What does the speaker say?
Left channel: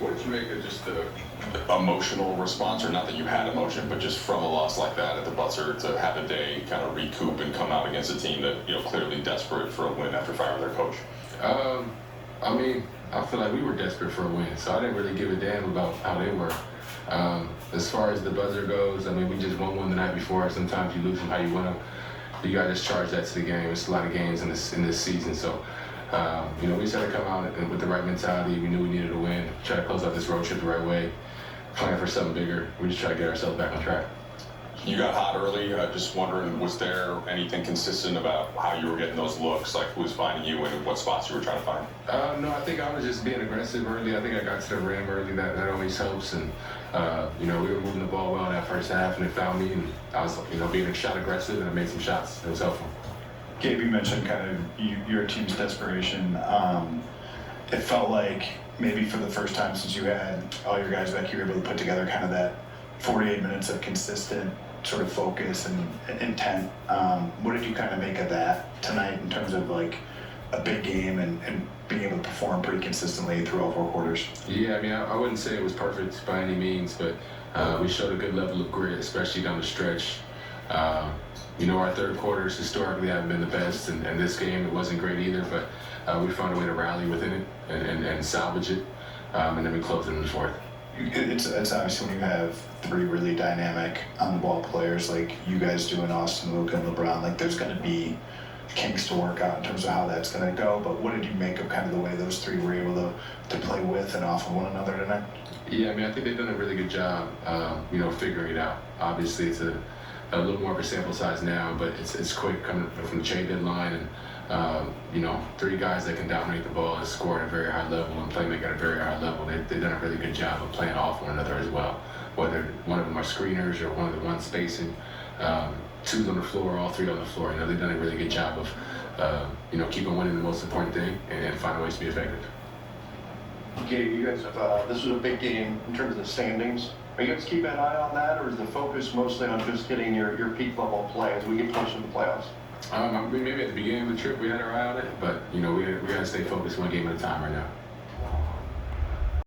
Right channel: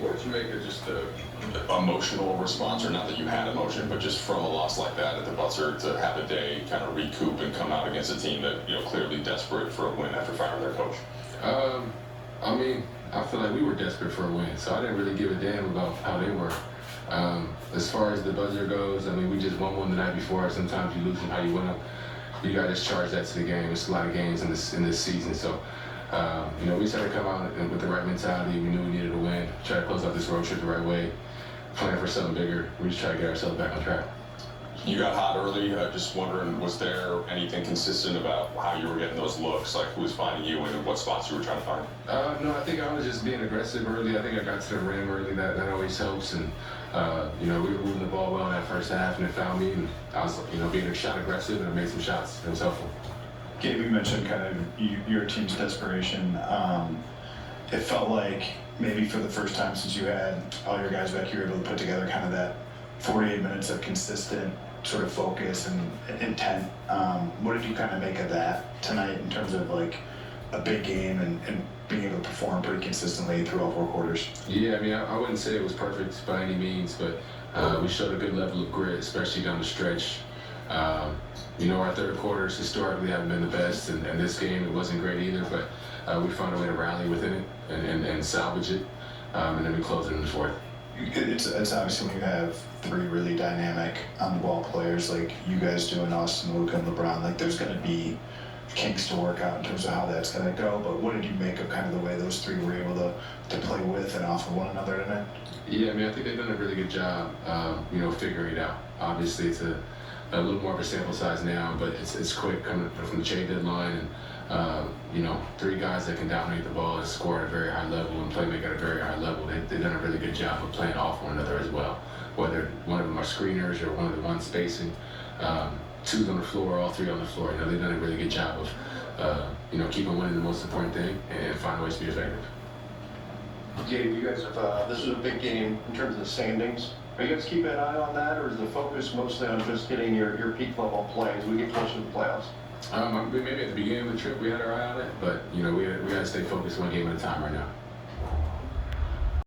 What did you make of just the emotional response, or not that you had emotion, but just from a loss like that at the buzzer to have a day kind of recoup and come out against a team that, clearly desperate for a win after firing their coach? I mean, I feel like we were desperate for a win, so I didn't really give a damn about how they were. As far as the buzzer goes, I mean, we just won one the night before. Sometimes you lose them how you win them. You got to just charge that to the game. It's a lot of games in this season, so we just had to come out with the right mentality. We knew we needed a win. Try to close out this road trip the right way. Plan for something bigger. We just try to get ourselves back on track. You got hot early. Just wondering, was there anything consistent about how you were getting those looks? Like, who was finding you and what spots you were trying to find? No, I think I was just being aggressive early. I think I got to the rim early. That always helps. And we were moving the ball well in that first half, and it found me. And I was, being shot aggressive, and I made some shots. It was helpful. Gabe, you mentioned kind of your team's desperation. It felt like maybe for the first time since you had all your guys back, you were able to put together kind of that 48 minutes of consistent sort of focus and intent. What did you kind of make of that tonight in terms of like a big game and being able to perform pretty consistently through all 4 quarters? Yeah, I mean, I wouldn't say it was perfect by any means, but we showed a good level of grit, especially down the stretch. Our third quarters historically haven't been the best, and this game it wasn't great either, but we found a way to rally within it and salvage it, and then we closed it in the fourth. It's obviously when you have 3 really dynamic on-the-ball players like you guys do in Austin, Luka, and LeBron, like there's going to be kinks to work out in terms of how that's going to go. But what did you make of kind of the way those 3 were able to play with and off of one another tonight? Yeah, I mean, I think they've done a really good job, figuring it out. Obviously, it's a little more of a sample size now, but it's quick coming from the trade deadline, and 3 guys that can dominate the ball and score at a very high level and play make at a very high level. They've done a really good job of playing off one another as well. Whether one of them are screeners or one of the ones spacing, 2's on the floor, all 3 on the floor. They've done a really good job of keeping winning the most important thing and finding ways to be effective. Gabe, you guys have this is a big game in terms of standings. Are you guys keeping an eye on that, or is the focus mostly on just getting your peak level play as we get closer to the playoffs? Maybe at the beginning of the trip we had our eye on it, but we got to stay focused one game at a time right now.